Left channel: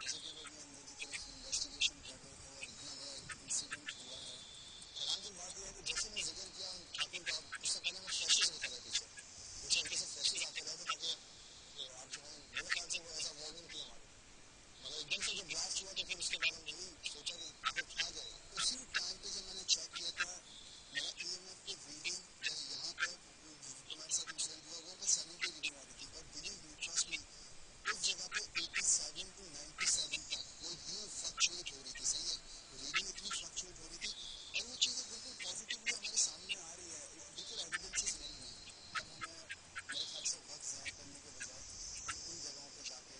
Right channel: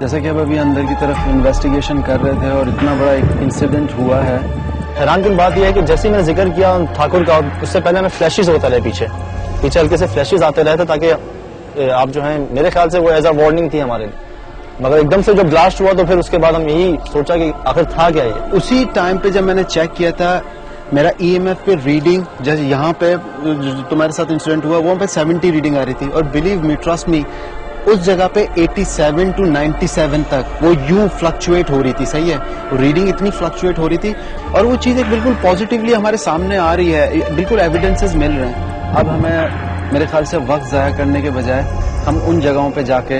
जैसे कि अब अभी अंदर की तरफ इन्वेस्टिगेशन कर रहे थे और इतना बड़ा एक इंसिडेंट हुआ है। हैरानकुन बात यह है कि जैसे ही मैंने जिक्र किया ठाकुर का, उससे पहले हमें फ्लैशेस होता रहे, पीछे हल्के से फ्लैशेस आते रहे थे ताकि आप जो है, मेरे ख्याल से वो एज अ वार्निंग थी हमारे लिए। मगर एकदम से जब ब्लास्ट हुआ तो फिर उसके बाद हम यही सोचा कि आखिर था क्या ये। उसी टाइम पे जब मैंने चेक किया था मेरा EMF पे रीडिंग, जैसे यहाँ पे तुम्हारे साथ इंसिडेंट हुआ वहाँ पे 70 रीडिंग आ रही थी, और बिलीव मी, ट्रस्ट मी, उस जगह पे 87 to 97 तक वो यूं फ्लक्चुएट हो रही थी। सही है, रीडिंग इतनी फ्लक्चुएट हो रही थी और वो चीज एक बिल्कुल पॉजिटिवली हमारे सामने आ रही है, बिल्कुल एविडेंसेस मिल रहे हैं। अब हमें मेरे ख्याल से वक्त जाया करने के बजाय हम उन जगहों पे जाके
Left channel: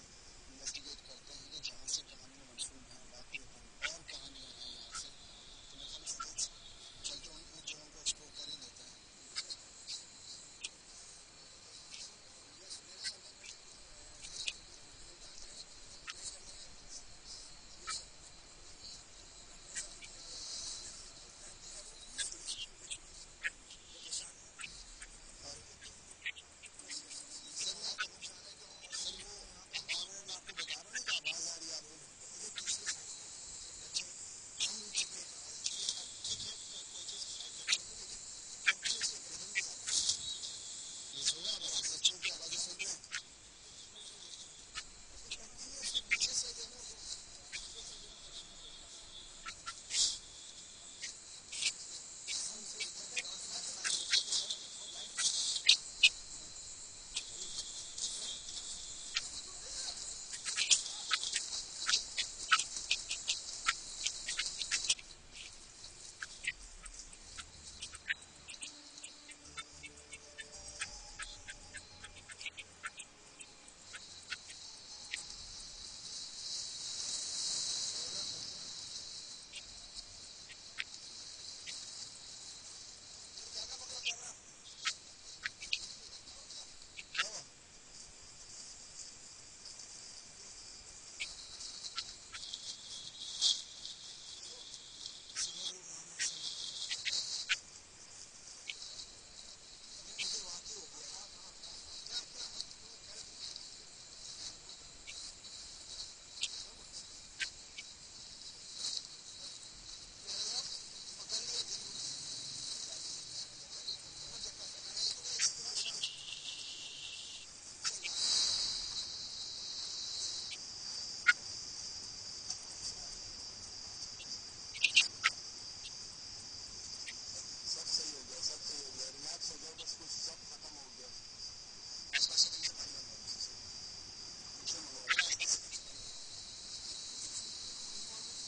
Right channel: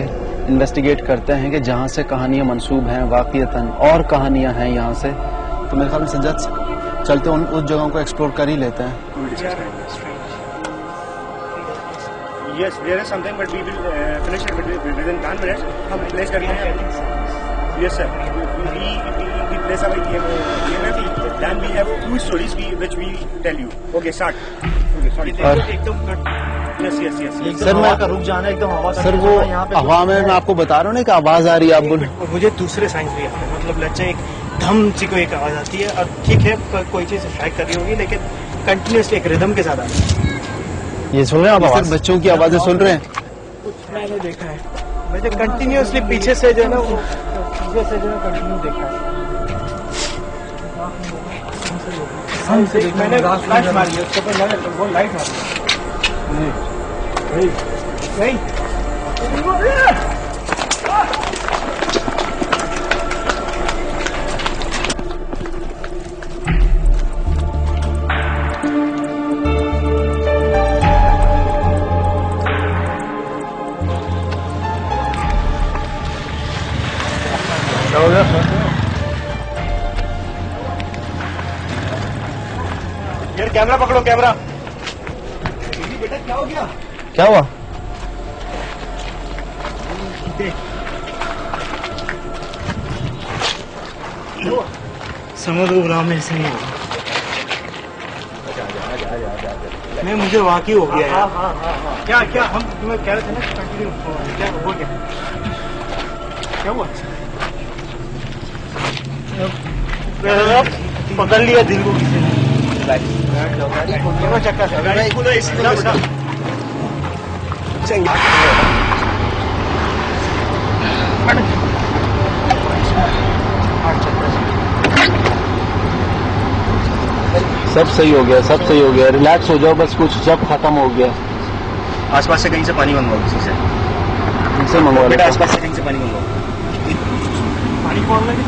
इन्वेस्टिगेट करते हैं कि जहाँ से कहानियां मंसूब हैं, वाकईतन और कहानियां हैं यहाँ से। तो मेरे ख्याल में सज्जद चलते उस जगहों को एक्सप्लोर कर ही लेते हैं। Yes, there is something, but we will finish it within 10 minutes. हम place कर लेंगे. Yes, sir. We place our EMF. Then we have 2 stories which we tell you. Okay, start. Okay, sorry. एकदम yes. Sir मैं रुक जाना एकदम आवाज। Sir वो हवा में मैं आपको बता रहा हूँ ना कि आवाज आ रही है, आप बोल। और मुझे दूसरे साइंस भी आते हैं, मतलब लेट्स से एक धम सी कोई एक आवाज आती है, और ठीक है कोई चीज स्ट्राइक कर रही होगी, लेकिन कंटिन्यूसली एक रिदम के साथ आती है। ये सुन रहे हैं आप आवाज? बच्चों की आवाजें सुन रहे हैं? कुछ मैंने देखा है, मैंने कंटिन्यूसली पीछे से जो है ना, वो पीछे से जो है कंटिन्यू देखा है। मैंने फ्लैश मारी है उसके ऊपर, वो लाइट मारी नहीं। यार कैमरा पकड़ो, कैमरा। बेटा क्या हो गया? क्या हुआ? समझ लो राम ऐसे नहीं होगा। नहीं, मुझे वाकई हो गया यार। क्या क्या हम तुम्हें कह रहे थे ना, कंटिन्यू क्या हो गया? क्या हुआ? पकड़ लिया दिल को किसी ने। सब सही हो गया, सब सही हो गया, रिलैक्स हो जाओ बस, कुछ सब खत्म हो गया। आसपास से कहीं से पानी मंगवाओ, किसी से इनसे मंगवा बेटा, आसपास से कहीं से पानी मंगवाओ। पानी कौन लगे?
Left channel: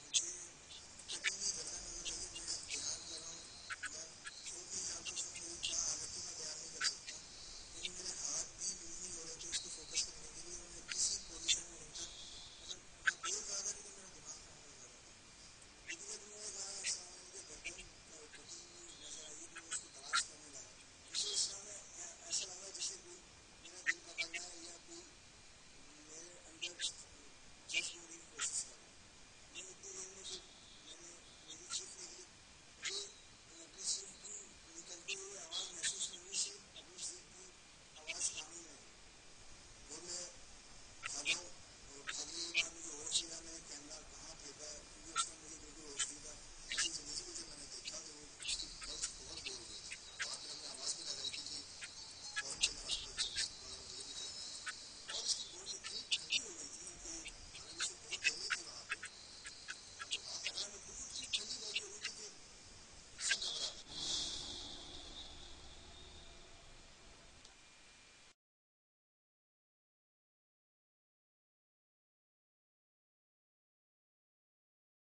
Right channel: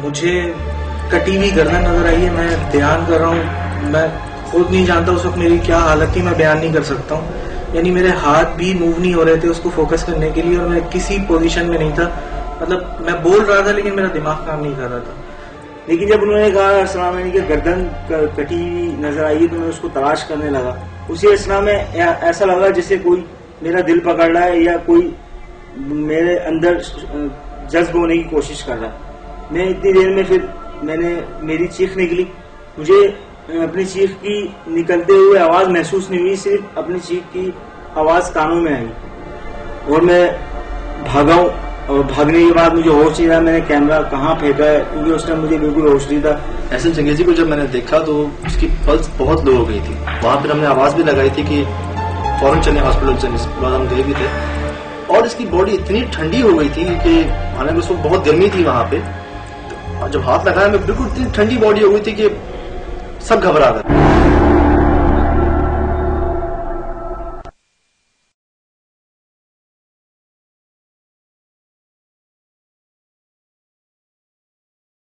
मुझे कटी हुई गर्दन नजर आई है। मैं बयान कर रहा हूँ, मैं खुद नहीं जानता उस वक्त मेरी क्या हालत थी, मैं बयान नहीं कर सकता हूँ। यानी मेरे हाथ भी मूव नहीं हो रहे थे उसको फोकस करने के लिए, और मैं किसी पोजीशन में नहीं था। मतलब मैं बोल रहा था लेकिन मेरा दिमाग काम नहीं कर रहा था। लेकिन जब उन्होंने कहा अस्सलाम वालेकुम की गर्दन कटी हुई नजर आई है, तो मैं उसको तलाश करने लगा। उसी अस्सलाम में ऐसा लगा जैसे कोई मेरा दिल पकड़ रहा है या कोई मेरे अंदर जज्ब होने की कोशिश कर रहा है। मैं इतनी देर में फिर मेरी चीख निकली। मुझे अपनी चीख की निकलते हुए आवाज महसूस नहीं हुई, सिर्फ अपनी चीख की आवाज कानों में आई और मैं भागा हूँ। और भागने के बाद मुझे होश नहीं रहा, मैंने कैमरा कहाँ फेंका है, क्योंकि उस टाइम मुझे बिल्कुल होश नहीं था। एहसन चंगेजी को जब मैंने देखा तो उसकी पल्स बहुत लो हो गई थी। वहां पर हमने आवाज भी लगाई थी कि फौरन चले हॉस्पिटल चले, इस बाद हम गए भी थे। और इसकी बॉडी इतनी ठंडी हो गई थी कि हालांकि उसको बहुत गर्मी थी वहां पे, तो जब हाथ लगाया मैं बिल्कुल इतनी ठंडी बॉडी हो गई थी कि सब घबरा गए।